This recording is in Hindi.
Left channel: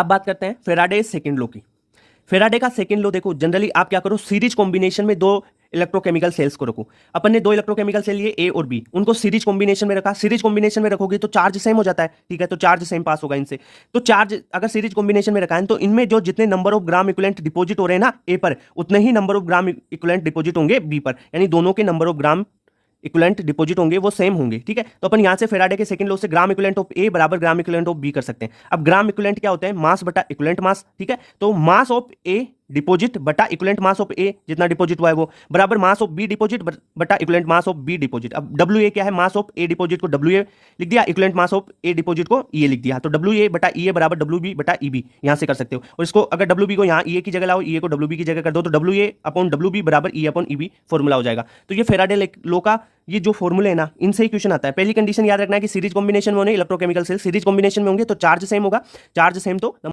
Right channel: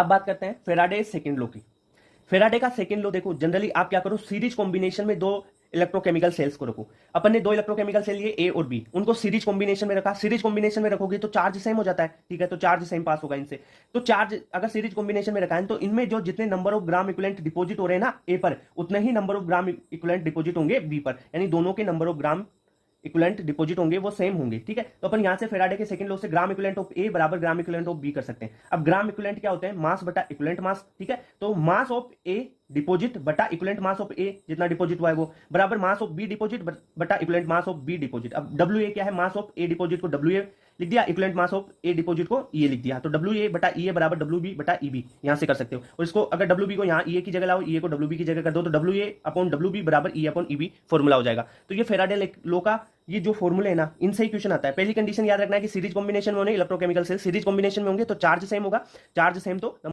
अब बात करते हैं फेराडे सेकंड लॉ की। फेराडे का सेकंड लॉ देखो, जनरली आप क्या करो, सीरीज कॉम्बिनेशन में दो इलेक्ट्रोकेमिकल सेल्स को रखो। अपन ने दो इलेक्ट्रोकेमिकल सेल लिए ए और बी, उनको सीरीज कॉम्बिनेशन में रखा। सीरीज कॉम्बिनेशन में रखोगे तो चार्ज सेम हो जाता है, ठीक है, तो चार्ज सेम पास होगा इनसे। तो चार्ज अगर सीरीज कॉम्बिनेशन में रखा है तो इनमें जो जितने number of gram equivalent deposit हो रहे हैं ना ए पर, उतने ही number of gram equivalent deposit होंगे बी पर, यानी दोनों के number of gram equivalent deposit होंगे वो सेम होंगे, ठीक है। तो अपन यहां से फेराडे के सेकंड लॉ से ग्राम इक्विवेलेंट ऑफ ए बराबर ग्राम इक्विवेलेंट ऑफ बी कर सकते हैं। अब ग्राम इक्विवेलेंट क्या होता है, मास बटा इक्विवेलेंट मास, ठीक है। तो मास ऑफ ए डिपॉजिट बटा इक्विवेलेंट मास ऑफ ए, जितना डिपॉजिट हुआ है वो, बराबर मास ऑफ बी डिपॉजिट बटा equivalent mass of B deposit. अब डब्ल्यू ए क्या है, मास ऑफ ए डिपॉजिट को डब्ल्यू ए लिख दिया, equivalent mass of A deposit को ई ए लिख दिया। तो डब्ल्यू ए बटा ई ए बराबर डब्ल्यू बी बटा ई बी, यहां से कर सकते हो। और इसको अगर डब्ल्यू बी को यहाँ ई ए की जगह लाओ, ई ए को डब्ल्यू बी की जगह कर दो, तो W A upon W B बराबर E upon E B formula हो जाएगा। तो ये फेराडे लॉ का ये जो फॉर्मूले है ना, इनसे ही क्वेश्चन आता है। पहली कंडीशन याद रखना है कि सीरीज कॉम्बिनेशन में होने इलेक्ट्रोकेमिकल सेल सीरीज कॉम्बिनेशन में होंगे तो चार्ज सेम होगा, चार्ज सेम तो